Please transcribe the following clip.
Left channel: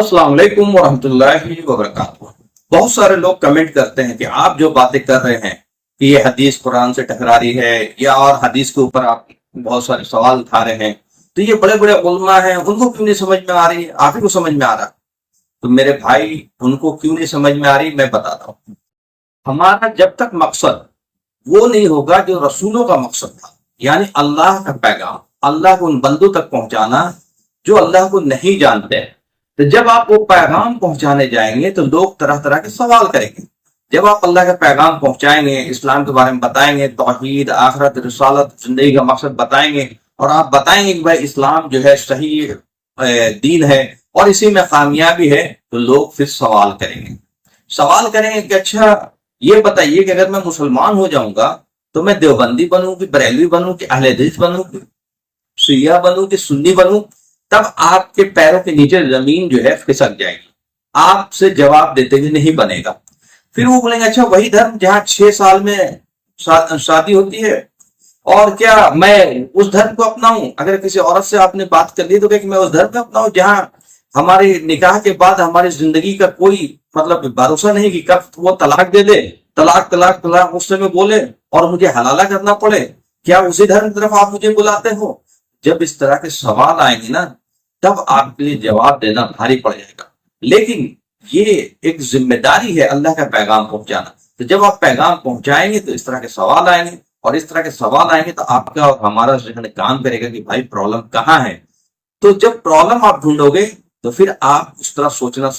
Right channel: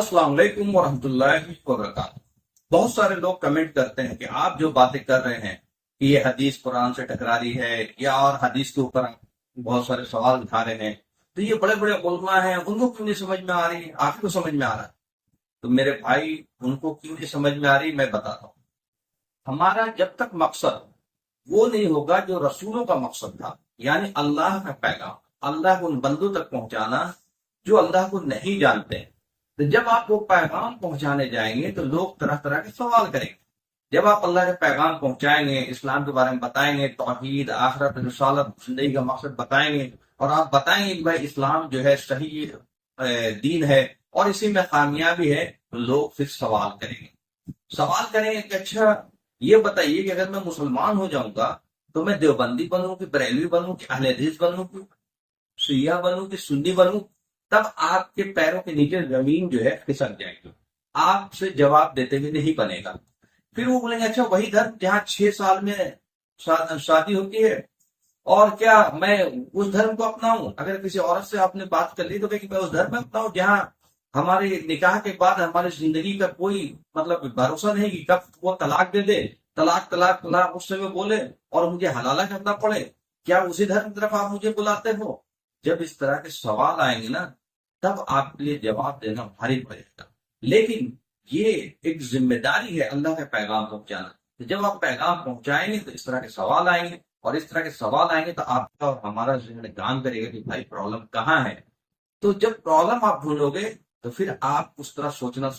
अस्सलाम वालेकुम वरहमतुल्लाहि वबरकातुहू। बहुत सारे लोग कमेंट करते हैं कि आप जो बातें कर रहे हैं कि ये हदीस कुरान से टकरा रही है, या और हदीस के ऊपर आप बहुत सारे सवाल उठा रहे हैं, तो ये बड़े बड़े उलमा हैं, उनको क्यों नहीं समझ में आ रही, आप ही को समझ में आ रहा। तो मेरे भाई, उनको क्यों नहीं समझ में आ रही मैं बताता हूँ। हमारा जब तक मकसद वो नहीं होगा जो रसूलों का मकसद था, यानी अल्लाह का पैगाम, अल्लाह को उन बंदों तक पहुंचाना जो अल्लाह को नहीं जानते हैं, तो जब आप वो पैगाम पहुंचाने जाएंगे तो लोग तरह तरह के सवाल करेंगे। जब आप अल्लाह का पैगाम पहुंचाएंगे, इस्लाम के बारे में बताएंगे, तौहीद, आखिरत, रिसालत, जिंदगी का मकसद बताएंगे, और आप बताएंगे कि भाई इस्लाम जो है सही दीन है और इसी में कामयाबी है, तो लोग फिर सवाल करेंगे कि अच्छा ये बताइए कि अगर मैं मुसलमान हो जाऊंगा तो मैं देवबंदी बनूं कि बरेलवी बनूं कि अहले हदीस बनूं कि शिया बनूं कि सुन्नी बनूं। तब आपके पैरों के नीचे जमीन जो है खिसक जाएगी, आपसे जवाब देते हुए नहीं बनेगा। फिर वो बोलेंगे अच्छा वही धर्म जहाँ 6 साल में शादी होती है, और क्या मैं उस धर्म को अपनाऊं। अगर किसी औरत से आपने बात कर ली तो क्या कि मैं उस धर्म में अपनाऊं जहाँ हमारे निकाह के बाद हमारी जिंदगी का कोई मतलब भरोसा नहीं कि कब वो तलाक दे दे, तलाक तलाक तलाक उस समय बोले और मुझे हलाला करना पड़े। क्या उसी धर्म की तरफ आप मुझे बुलाते हो? जब इस तरह के सवाल आएंगे ना, तब आपके लिए जवाब देना भारी पड़ जाएगा। लेकिन ये एक जिम्मेदारी है अल्लाह का पैगाम पहुंचाना। तो जब आप पैगाम पहुंचाएंगे तो इस तरह के सवाल आएंगे, और इस तरह के सवाल आएंगे तो आपका और हमारा जहन काम करेगा कि भाई प्रॉब्लम कहाँ है। तो जब प्रॉब्लम आप ढूंढोगे तो फिर आप उस तरह सोचना